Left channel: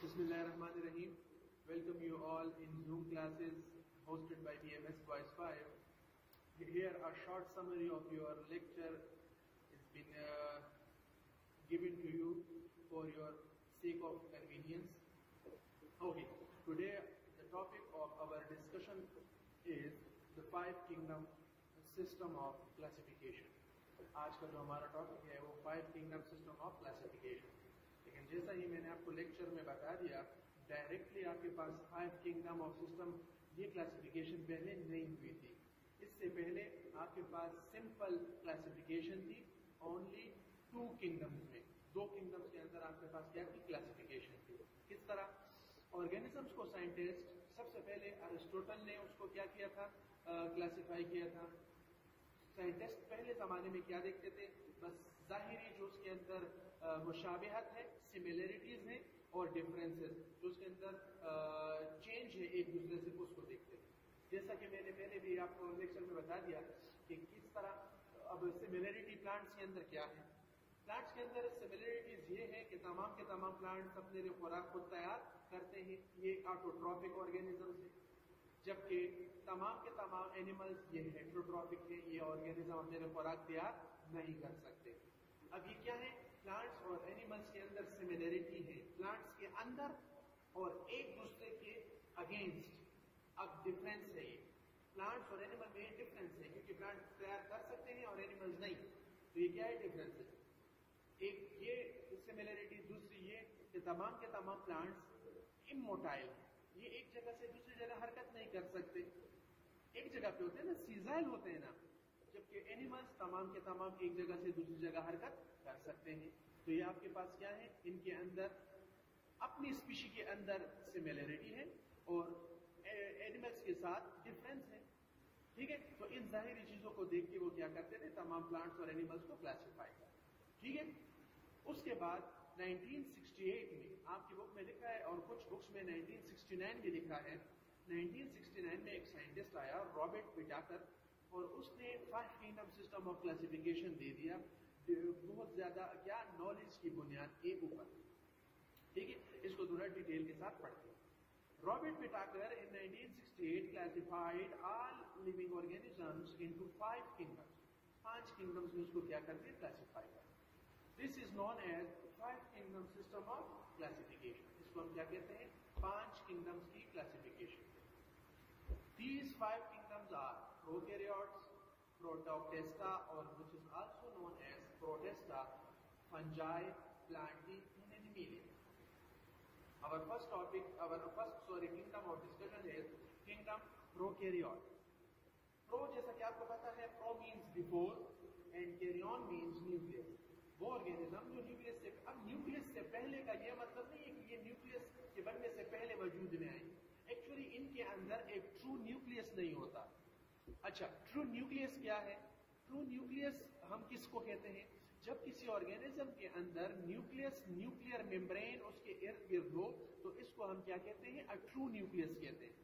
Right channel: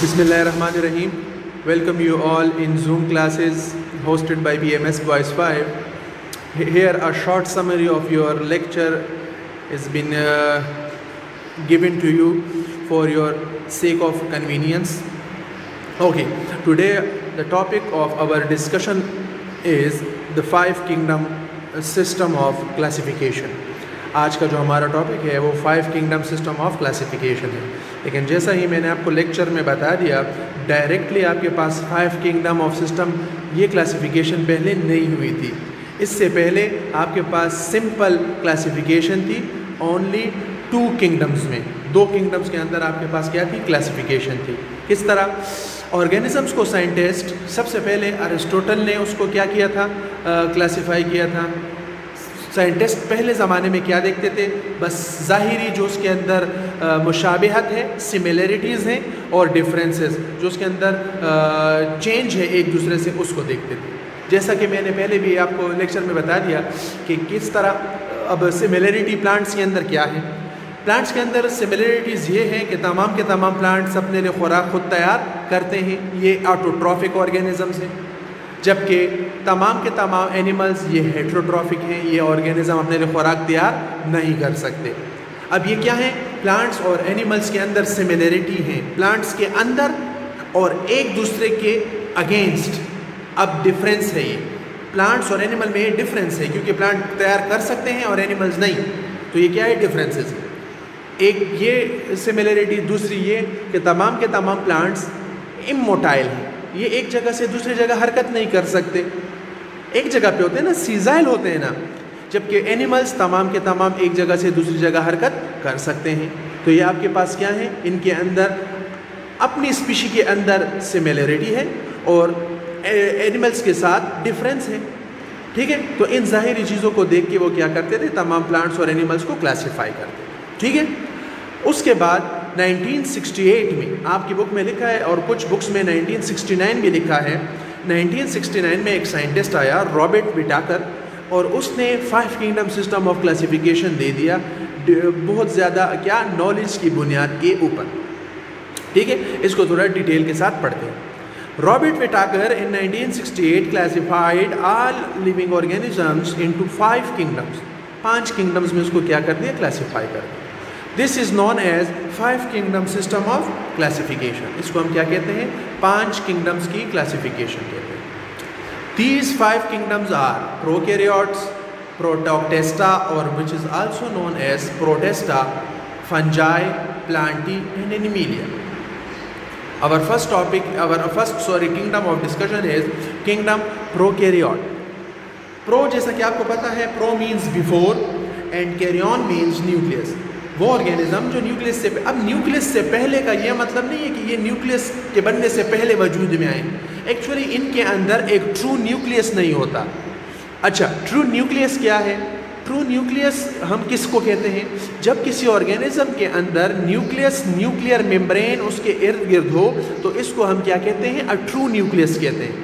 Bismillahirrahmanirrahim. Welcome you all in Zoom classes hosted by BMS Voice 5. Here a short summary of your lecture has been given to you for your sake of convenience. Okay, today the topic of our discussion is the five kingdom system of classification. आज का जो हमारा topic है वो five kingdom system of classification है। लेकिन जैसा ही मैंने आपको लेक्चर में बता दिया, डायरेक्टली आपके पास फाइव किंगडम ऑफ सिस्टम ये क्लासिफिकेशन पहले नहीं हुई थी। इससे पहले आपके पास सिंपल क्लासिफिकेशन थी ओनली टू किंगडम्स में। दो किंगडम्स के अंदर आपके पास क्या थी? क्लासिफिकेशन थी। किस तरह? ऑर्गेनिजम्स को साइंटिस्ट सबसे पहले अरिस्टोटल ने उसको क्या किया था? क्लासिफाई किया था। साइंटिस्ट पहले ज़माने में क्या देखते थे? बस ज़ाहिरी जो उसके अंदर मुशाबिहत है, सिमिलरिटीज़ हैं और डिफरेंसेस जो उसके अंदर चेंज है एक दूसरे से, उसको देखते थे। जैसा कि मैंने पहले भी आपको लेक्चर में बता दिया कि किस तरह अब सिमिलरिटी प्लांट्स के अंदर क्या है। प्लांट्स के अंदर सिमिलरिटीज़ ये हैं कि तमाम के तमाम प्लांट्स अपने लिए खुराक खुद तैयार करते हैं, ये ऑटोट्रॉफिक ऑर्गेनिजम्स हैं। जबकि तमाम के तमाम एनिमल्स ये हेट्रोट्रॉफिक हैं, ये ऑर्गेनिज्म अपने लिए खुराक तैयार नहीं कर सकते। अब ये क्या है? प्लांट्स और एनिमल्स के अंदर सिमिलरिटी है, प्लांट्स के अंदर और एक दूसरे के अगेंस्ट। अब डिफरेंस है, ये प्लांट्स और एनिमल में ये डिफरेंस है क्योंकि प्लांट तैयार कर सकते हैं और एनिमल्स नहीं। तो ये क्या है? डिफरेंसेस। एक ये सिमिलरिटी, दूसरी ये कि तमाम के तमाम प्लांट्स इमोटाइल हैं, ये एक जगह से दूसरी जगह हरकत नहीं कर सकते, एक जगह पे होते हैं ना, सीजाइल होते हैं ना। जबकि एनिमल्स तमाम के तमाम एक जगह से दूसरी जगह हरकत कर सकते हैं। तो ये आपके पास क्या है? इनके अंदर अपनी स्पीशी के अंदर सिमिलरिटी है और एनिमल्स के साथ डिफरेंस है। ठीक है, तो इन ज़ाहिरी चीज़ों को देख के वो क्या करते थे? तमाम प्लांट्स और एनिमल्स को क्लासीफाई करते। ठीक है, उसके बाद 1968 में आपकी बुक में लिखा है और कुछ बुक्स में 1969 भी लिखा है। 1969 में एक साइंटिस्ट आया, रॉबर्ट विटाकर, और उसने five kingdom system of classification दे दिया बहुत ज़्यादा क्या नॉलेज की बुनियाद के ऊपर। ठीक है, इसको थोड़ा डिटेल के साथ पढ़ते हैं। Robert Whittaker in 1968 classified all living organisms into five kingdoms. पांच किंगडम्स में उसको क्या कर दिया? क्लासीफाई कर दिया। This is known as five kingdom system of classification. इसको हम क्या कहते हैं? पांच किंगडम्स की क्लासिफिकेशन कहते हैं। These five kingdoms are prokaryotes, protoctista और which is also known as protista, fungi, plantae and animalia. Our first kingdom of discussion is kingdom prokaryote. Pro जैसा कि आपको पता है, pro means before and karyon means nucleus। वो organism जो nucleus से, अब न्यूक्लियस से पहले का ये मतलब नहीं है कि ये न्यूक्लियस के बनने से पहले वजूद में आए। एक्चुअली इनके अंदर एक ट्रू न्यूक्लियस नहीं होता। अच्छा, ट्रू न्यूक्लियस क्या है? ट्रू न्यूक्लियस हम किसको कहते हैं? जब किसी ऑर्गेनिज्म के अंदर न्यूक्लियस, न्यूक्लियर मेम्ब्रेन उसके इर्द गिर्द हो तो इसको हम क्या कहते हैं? अ ट्रू न्यूक्लियस कहते हैं।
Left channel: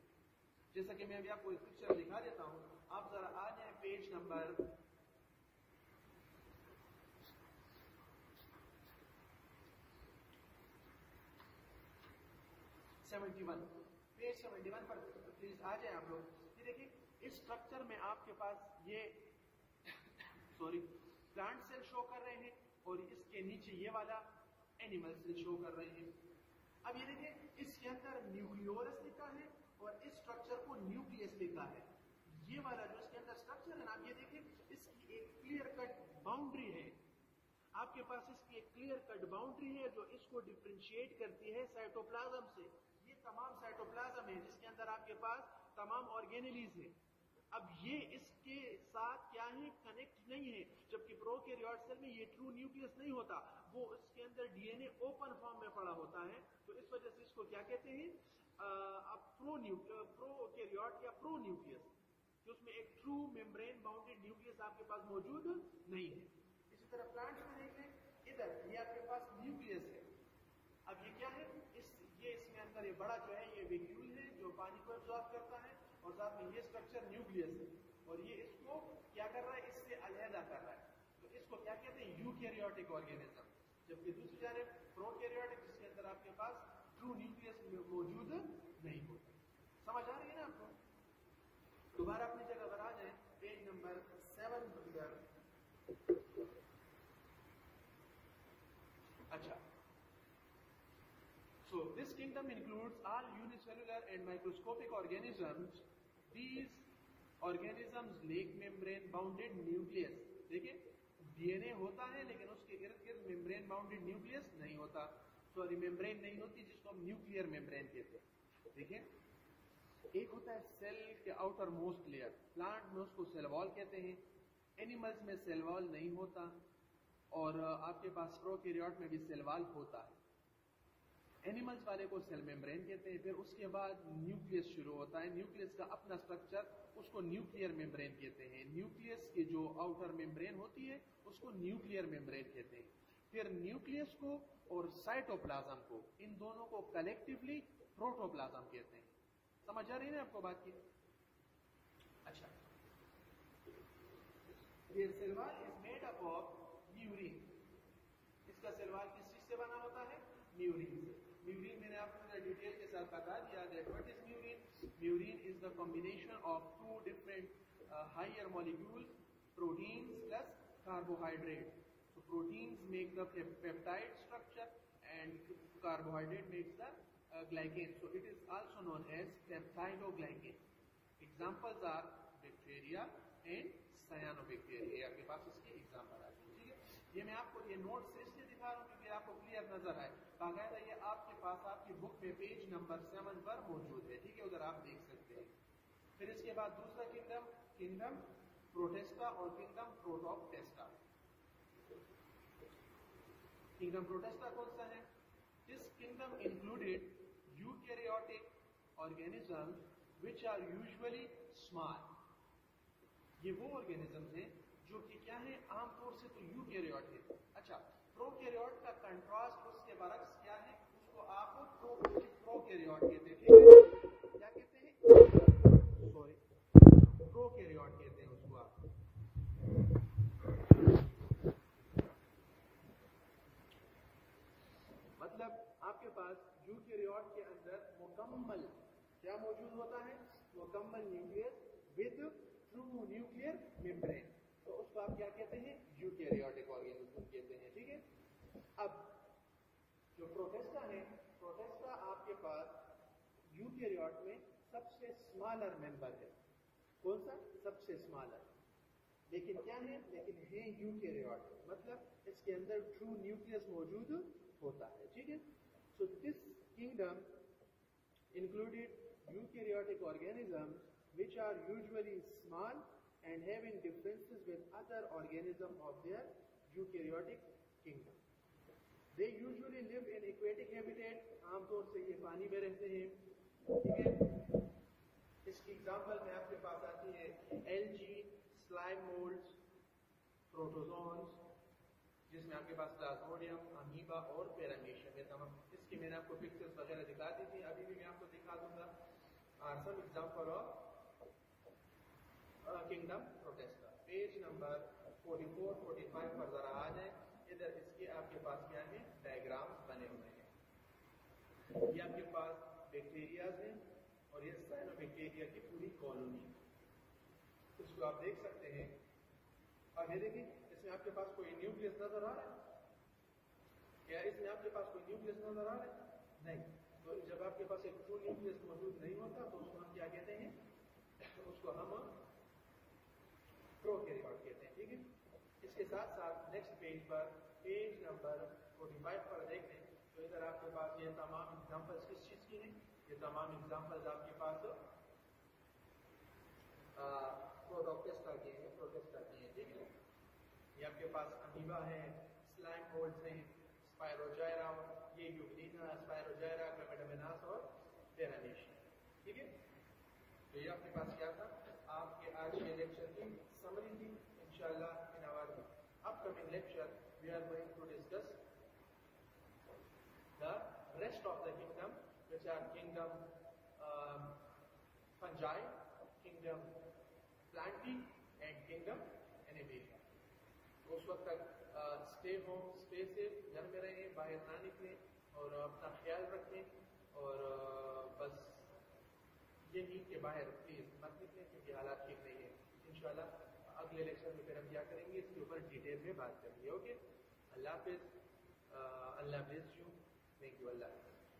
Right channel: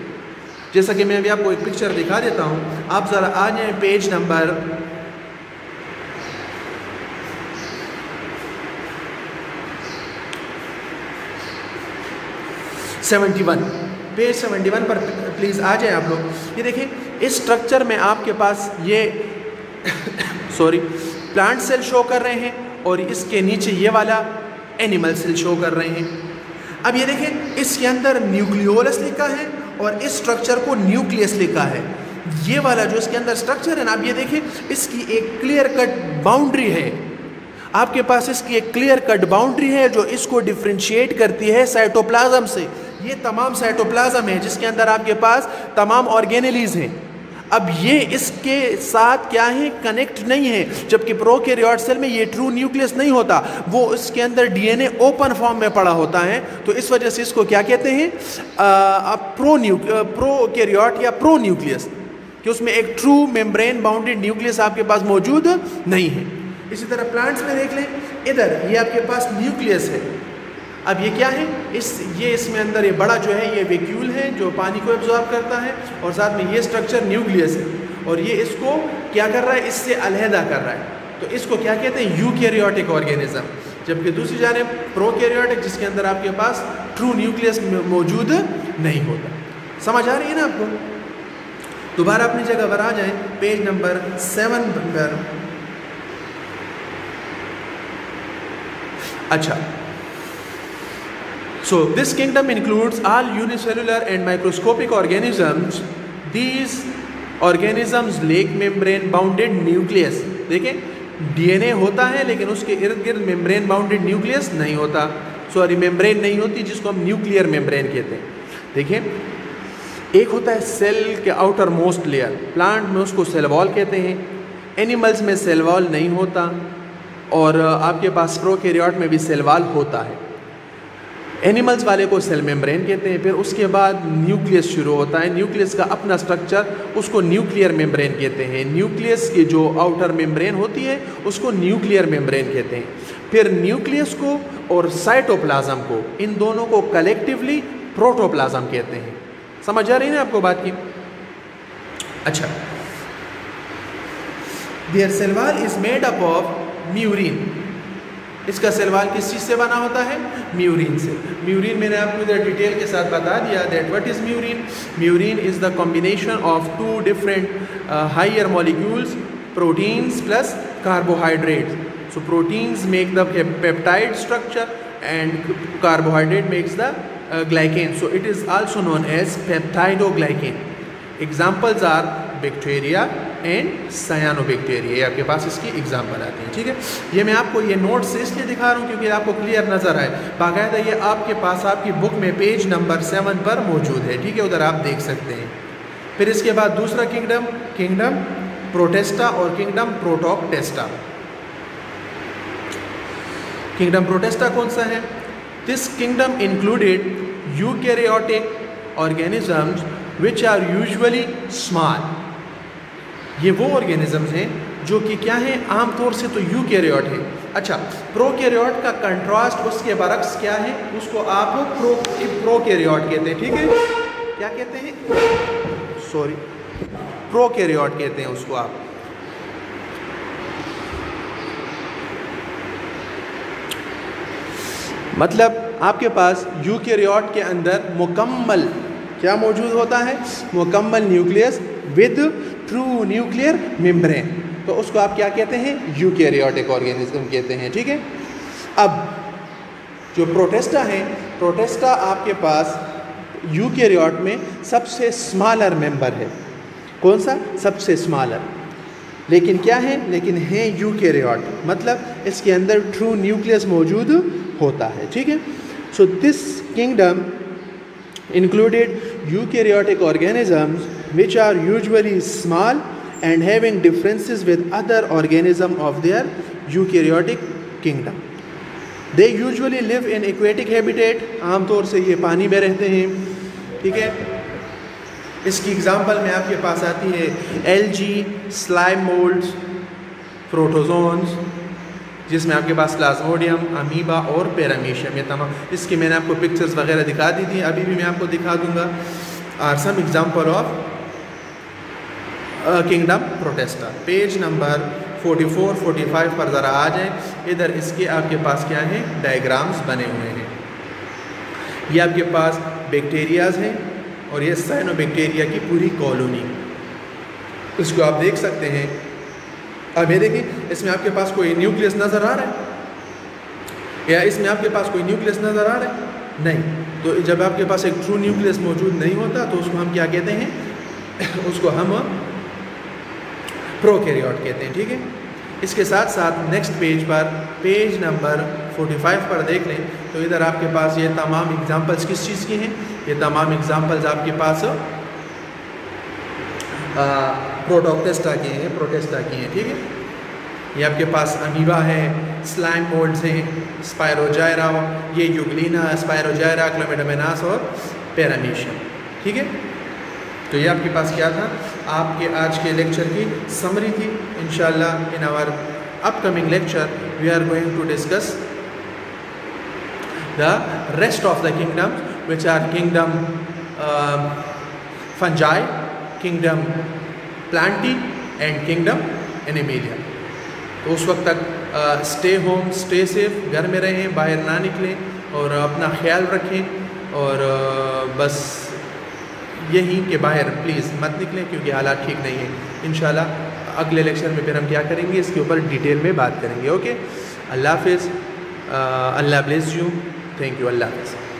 जैसा कि मैं अभी आपको एक पिक्चर दिखा देता हूँ, आप ज़रा आ जाएँ पेज नंबर 71, पेज 71 पर प्लीज़ आ जाए आप लोग। ये देखिए, इस स्ट्रक्चर में आपके पास ये प्लांट सेल शो कर रहे हैं और इसके नीचे ये वाला एनिमल सेल शो कर रहे हैं। अब ये देखिए, इसके अंदर न्यूक्लियोलस लिखा है और इस स्ट्रक्चर को न्यूक्लियस लिखा है। ये वाला जो इसके अंदर स्ट्रक्चर है ना, अब ये देखिए, इसकी एक क्लियर कट बाउंड्री है। आपके पास इसकी एक क्लियर कट बाउंड्री है जो इसको डिफ्रेंशिएट करती है साइटोप्लाज्म से। ये तमाम साइटोप्लाज्म है जिसके अंदर आपके पास तमाम ऑर्गेनेलीज हैं। अब ये इसके साथ क्या है? कनेक्ट नहीं है। जबकि प्रोकैरियोट सेल में ये ट्रू न्यूक्लियस नहीं होता, वो इसके अंदर डीएनए ओपन फॉर्म में पड़ा होता है। तो इस वजह से इसको क्या कहते हैं? प्रोकैरियोट या प्रो न्यूक्लियस, कि उसमें एक ट्रू मेम्ब्रेन बाउंडेड न्यूक्लियस आपके पास मौजूद नहीं है। इसी तरह प्लांट्स में देख लें, इधर ये आपके पास न्यूक्लियस है। अब ये क्या है? इसमें अंदर ये बड़ा जो है ये वैक्यूल है जो पानी को एब्जॉर्ब करता है और साथ में ये स्ट्रक्चर न्यूक्लियस है और ये इसको क्या कर रहा है? इससे अलहदा कर रहा है। तो इसको क्या कहते हैं? Eukaryotic organism. जबकि दूसरी जानिब प्रोकैरियोटिक जिसके अंदर आपके पास ट्रू न्यूक्लियस मौजूद नहीं होता। समझ आ रही है ना आपको? दोबारा अपनी जगह पर आ जाएं, पेज नंबर 7 पर। अच्छा, so this kingdom includes all unicellular and microscopic organisms. These organisms lack membrane bounded nucleus. देखें, डीएनए होता है लेकिन उसके इर्द गिर्द मेम्ब्रेन बाउंडेड न्यूक्लियस नहीं होता, सॉरी मेम्ब्रेन नहीं होती, जिसको हम न्यूक्लियर मेम्ब्रेन कहते हैं। देखिए, एक होता है सेल के आउटर मोस्ट लेयर, प्लांट में उसको सेल वॉल कहते हैं, एनिमल्स में सेल वॉल नहीं होता, और आपके पास प्रोकैरियोट में भी सेल वॉल होता है। एनिमल्स वाले को सेल मेम्ब्रेन कहते हैं। फिर उसके बाद न्यूक्लियस शुरू होता है, न्यूक्लियस का अपना स्ट्रक्चर, उसको न्यूक्लियर मेम्ब्रेन कहते हैं। न्यूक्लियस की जो आउटर मेम्ब्रेन होती है उसको न्यूक्लियर मेम्ब्रेन कहते हैं। फिर न्यूक्लियस को और साइटोप्लाज्म को, इन दोनों को कलेक्टिवली प्रोटोप्लाज्म कहते हैं। समझ आ रही है आपको बात की? अच्छा, their cell wall is made up of murein. इसका सेल वॉल किस चीज़ से बना होता है? म्यूरिन से। म्यूरिन मैंने आपको इधर डिटेल के साथ बता दिया that what is murein. Murein is the combination of 2 different higher molecules, proteins plus carbohydrates. So proteins make the peptide structure and carbohydrate makes the glycan. So it is also known as peptidoglycan. Examples are bacteria and cyanobacteria. ये आपके पास इसकी example आती हैं। ठीक है, ये मैं आपको ये नोट से इसलिए दिखा रहा हूँ क्योंकि आपको क्लियर नज़र आए। बाकायदा ये आपके पास आपकी बुक में पेज नंबर 7 पर मौजूद है। ठीक है, उधर आप देख सकते हैं। फिर इसके बाद दूसरा किंगडम प्रोटेस्टा और किंगडम प्रोटोक्टेस्टा। किंगडम प्रोटेस्टा कौन सा है? This kingdom included eukaryotic organisms which are usually small. ये वो organisms हैं जो कि क्या हैं? आमतौर से तो यूकैरियोट है। अच्छा, प्रोकैरियोट का कंट्रास्ट उसके बरक्स क्या है? उसको आप प्रोकैरियोट कहते हैं। ठीक है, क्या कहते हैं? सॉरी, प्रोकैरियोट कहते हैं उसको आप। मतलब आपके पास यूकैरियोट के अंदर मुकम्मल क्या मौजूद होता है? मुकम्मल nucleus with true nuclear membrane. तो उसको आप क्या कहते हैं? यूकैरियोटिक ऑर्गेनिज्म कहते हैं। ठीक है, अब जो प्रोटेस्टा है, प्रोटेस्टा आपके पास यूकैरियोट में सबसे स्मॉलर मेंबर है। कौन सा? सबसे स्मॉलर। लेकिन क्या है? लेकिन है यूकैरियोट, मतलब इसके अंदर ट्रू न्यूक्लियस मौजूद होता है। ठीक है, so this kingdom included eukaryotic organisms which are usually small and having differences with other organisms of their eukaryotic kingdom. They usually live in aquatic habitat. आमतौर से ये पानी में रहते हैं। ठीक है, इसकी एग्जांपल में आपके पास आती है एल्गी, स्लाइम मोल्ड्स, प्रोटोजोन्स, जिसमें आपके पास प्लाज्मोडियम, अमीबा और पैरामीशियम, ये तमाम, इसकी मैंने आपको पिक्चर्स वगैरह दिखा दी थी, अभी भी मैं आपको दिखा दूंगा। Are some example of kingdom Protista. Page number 44-45 पर ज़रा आ जाएं। इधर इसके आपके पास क्या है? डायग्राम्स बने हुए हैं। ये आपके पास बैक्टीरियाज हैं और ये साइनोबैक्टीरिया की पूरी कॉलोनी, इसको आप देख सकते हैं। अब ये देखिए, इसमें आपके पास कोई न्यूक्लियस नज़र आ रहा है या इसमें आपके पास कोई न्यूक्लियस नज़र आ रहा है? नहीं। तो जब आपके पास एक ट्रू न्यूक्लियस मौजूद नहीं होता तो उसको हम क्या कहते हैं? उसको हम प्रोकैरियोट कहते हैं। ठीक है, इसके साथ साथ नेक्स्ट पेज पर, पेज नंबर 45 पर देख लें तो इधर आपके पास ये तमाम एग्जांपल्स किस चीज़ की हैं? ये तमाम एग्जांपल्स आपके पास प्रोटोक्टेस्टा की हैं, प्रोटेस्टा की हैं। ठीक है, ये आपके पास अमीबा है, स्लाइम मोल्ड्स हैं, स्पायरोजायरा, ये यूग्लिना, स्पायरोजायरा, क्लोमिडोमोनास और पैरामीशियम। ठीक है, तो ये आपके पास क्या था? आपके आज के लेक्चर की समरी थी। इंशाल्लाह in our upcoming lecture we are going to discuss the rest of the kingdom which are kingdom Fungi, kingdom Plantae and kingdom Animalia. तो उस वक्त तक स्टे होम, स्टे सेफ, घर में रहें, बाहर ना निकलें और अपना ख्याल रखें। और बस यही कि बाहर प्लीज़ मत निकलें क्योंकि हालात ठीक नहीं है। इंशाल्लाह अगले लेक्चर में फिर हम क्या करेंगे इसके ऊपर डिटेल में बात करेंगे। ओके, अल्लाह हाफिज़, अल्लाह ब्लेस यू, थैंक यू, अल्लाह हाफिज़।